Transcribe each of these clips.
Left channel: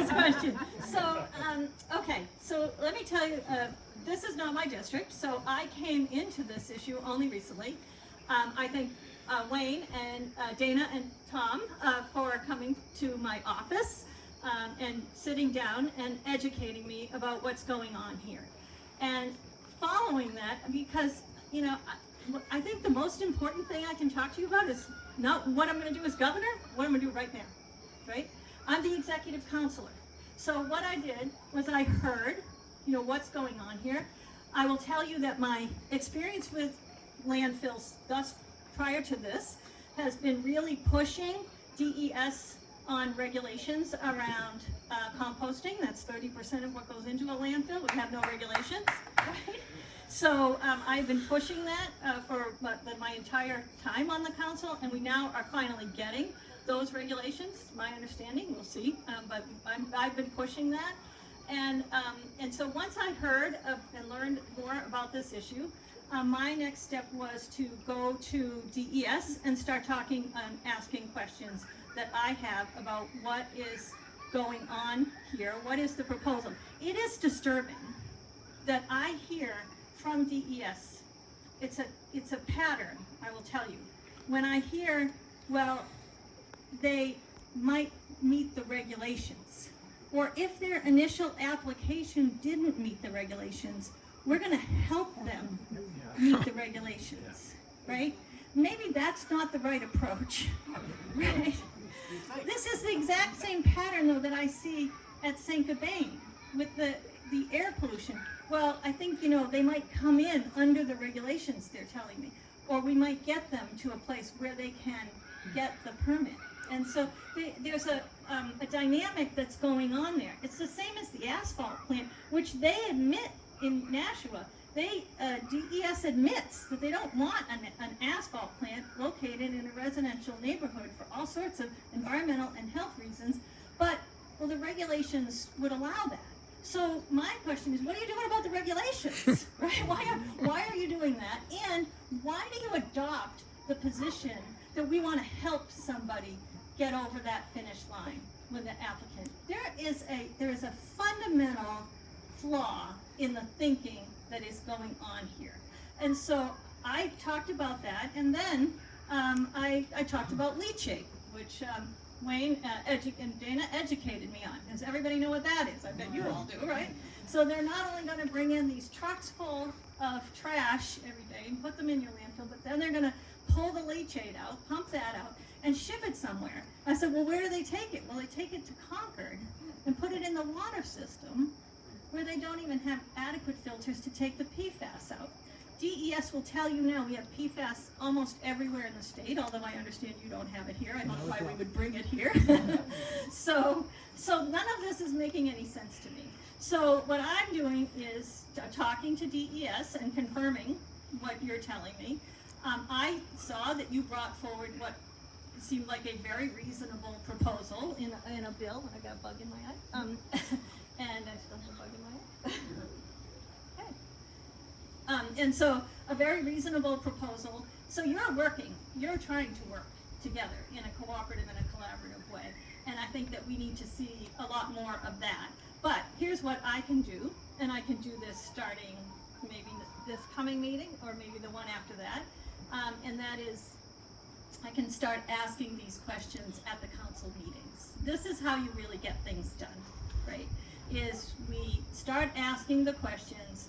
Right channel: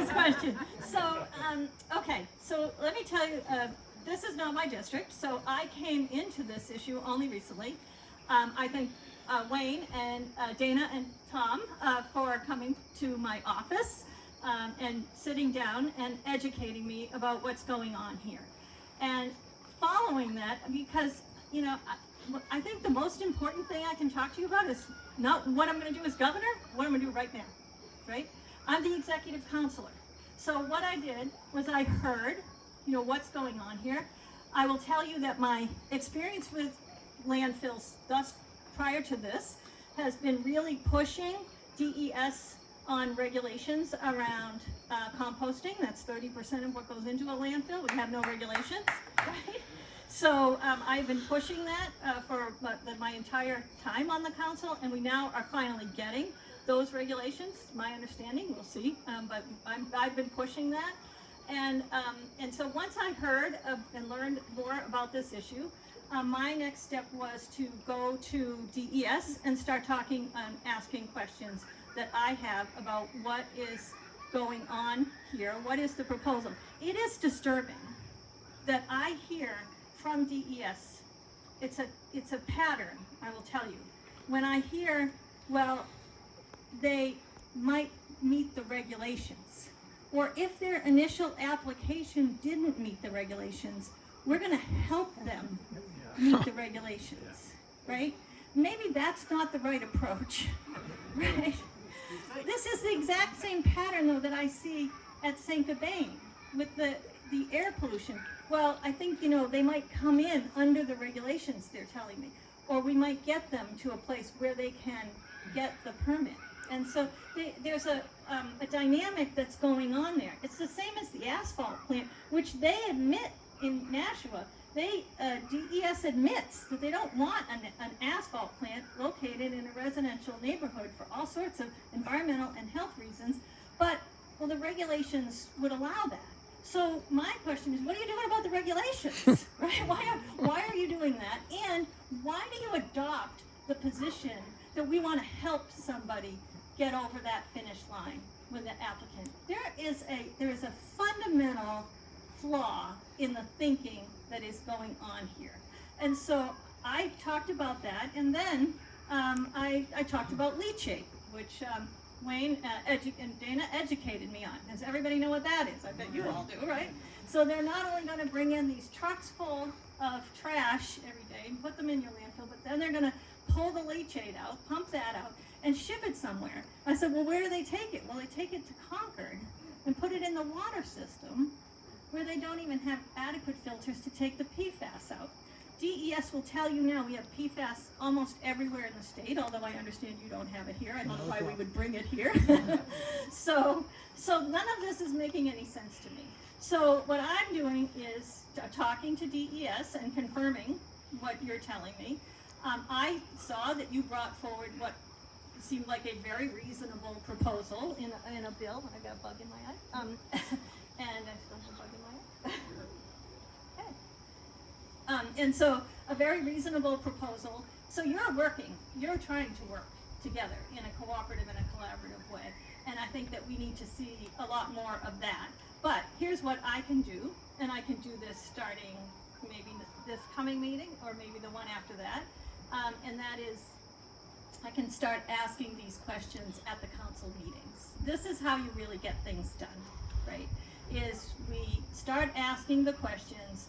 this question. So, okay, so let me tell you, this is not my district, so I came into this issue only recently. I thank Wayne and Dana and Tom for coming to my office and sitting down and educating me about what's going on here. And following that, because, you know, I think the most important thing I can talk to you about is not what I'm going to do as governor, what I'm going to do right now, right? I'm the executive counselor. So what I did was I heard, you know, what's going on here. I will tell you that my experience with landfills thus prior to this has been really pushing DES on regulations around composting. That's 30% of what goes into a landfill. We have no regulations, right? So I've been pushing that for my entire time on the council, and we now are finally getting those regulations. My understanding, we'll see, but I've been pushing that. And so once I heard and learned more about this issue, my next step was to go to DES and start talking and asking questions that I have about what is going on here. What is the proposal? It is disturbing that I hear from DES. It's a pattern, I will tell you. When I hear, well, they might meet the regulations, or if their initial application didn't meet the regulations, we're going to help them meet the regulations, right? Maybe that's not the right approach, right? This is the exact same pattern, though, that I see at St Gobain with the air pollution. Well, I think, you know, they might come in under the regulations, they're telling me, or we might get them to a place where they can get the permit. And so there's a dynamic that's going on there. It's the same as the asphalt plant, which they admit in Nashua. DES admits that they don't want an asphalt plant located in a residential neighborhood for all sorts of environmental and health reasons, but, well, the regulations would allow that. So my question is, what are you doing about the regulations? Right? Why are you doing that? And why do you adopt the position that we want to help somebody get over that finish line with the applicant? There is a fundamental flaw in the thinking that is going on here. And so I talked about that, and then I talked about leachate, which Wayne and Dana educated me on. Does everybody know what that is? I bet you all do, right? So they're not only going to bring in these trucks full of trash every day and put them in your landfill, but then they're going to pull the leachate out, pump that out, and ship it somewhere. I said, well, where do they take it? Well, they take it to Concord and put it in the water system, where they don't even have adequate filters to take the PFAS out. DES will tell you now we have PFAS almost everywhere in the state, although I understand you don't have it here. I don't know why we would bring it here. So none of this is making any sense to me. So what I'm doing is talking to DES and confirming what you're telling me. I saw that you brought forward what seemed like a very reasonable proposal in a bill. I got a bug in my eye. And I still have a bug in my eye. Okay. And so a very reasonable proposal. So you're trying to work together in a cooperative and a collaborative way. And I think that we need to see a lot more of that. But here's what I can do, and I can do this starting maybe this coming meeting or maybe the one after that. And that is, I can start asking these questions at the council meetings. This is how you really get things done, right? Is we start asking the questions,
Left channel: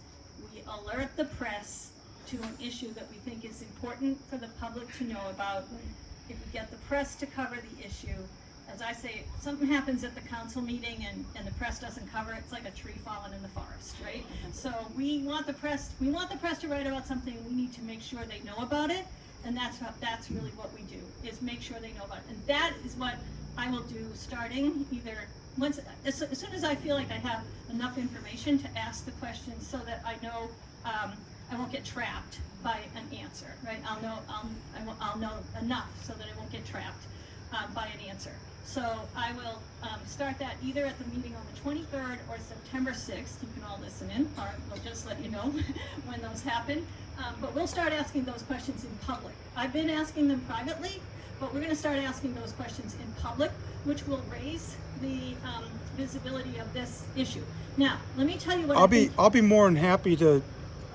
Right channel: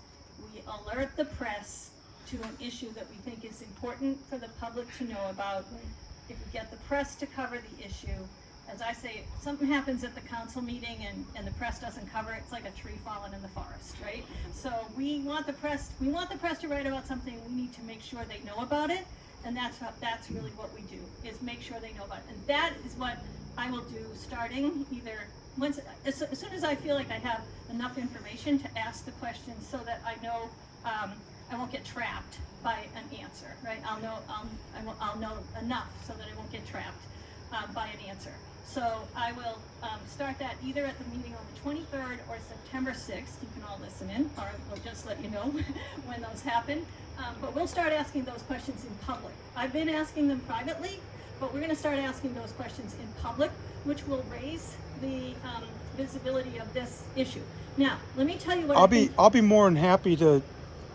we alert the press to an issue that we think is important for the public to know about. If we get the press to cover the issue, as I say, if something happens at the council meeting and the press doesn't cover it, it's like a tree falling in the forest, right? So we want the press to write about something. We need to make sure they know about it, and that's really what we do, is make sure they know about it. And that is what I will do starting either as soon as I feel like I have enough information to ask the questions, so that I know I won't get trapped by an answer, right? I'll know enough so that I won't get trapped by an answer. So I will start that either at the meeting on the 23rd or September 6th. You can all listen in, or we'll just let you know when those happen. But we'll start asking those questions in public. I've been asking them privately, but we're gonna start asking those questions in public, which will raise the visibility of this issue. Now, let me tell you what I'll be more than happy to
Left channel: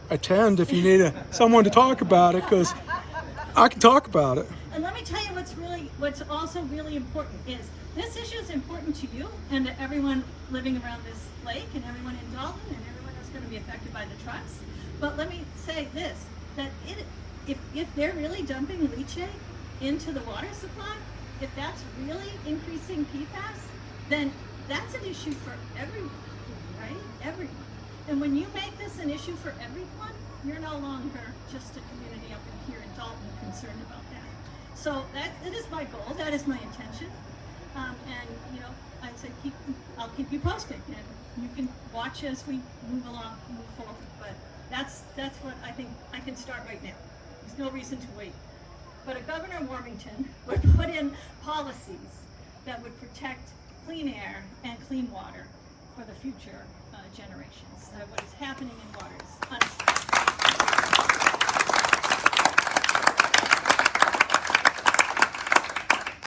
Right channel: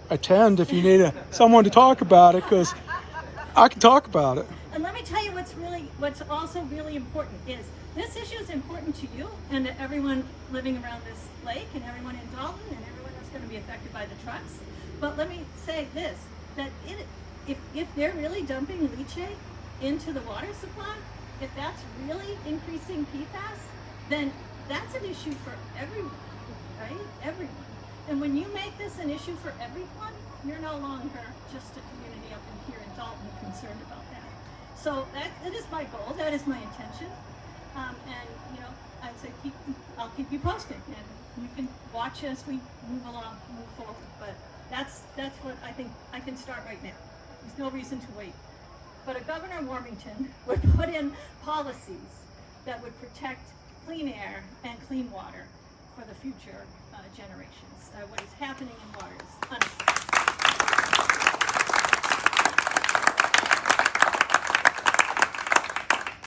attend if you need someone to talk about it, because I can talk about it. And let me tell you what's also really important is this issue is important to you and to everyone living around this lake and everyone in Dalton and everyone that's going to be affected by the trucks. But let me say this, that if they're really dumping leachate into the water supply, if that's really increasing PFAS, then that's an issue for everyone, right? Everyone. And when you make this an issue for everyone, you're no longer just a community up in here in Dalton concerned about that. So that is my goal, that is my intention. And you know, I'd say I'll keep you posted, and you can watch as we move forward. But that's what I think I can start right now. There's no reason to wait. But Governor Warmington would put in policies that would protect clean air and clean water for the future generations. What is happening in water is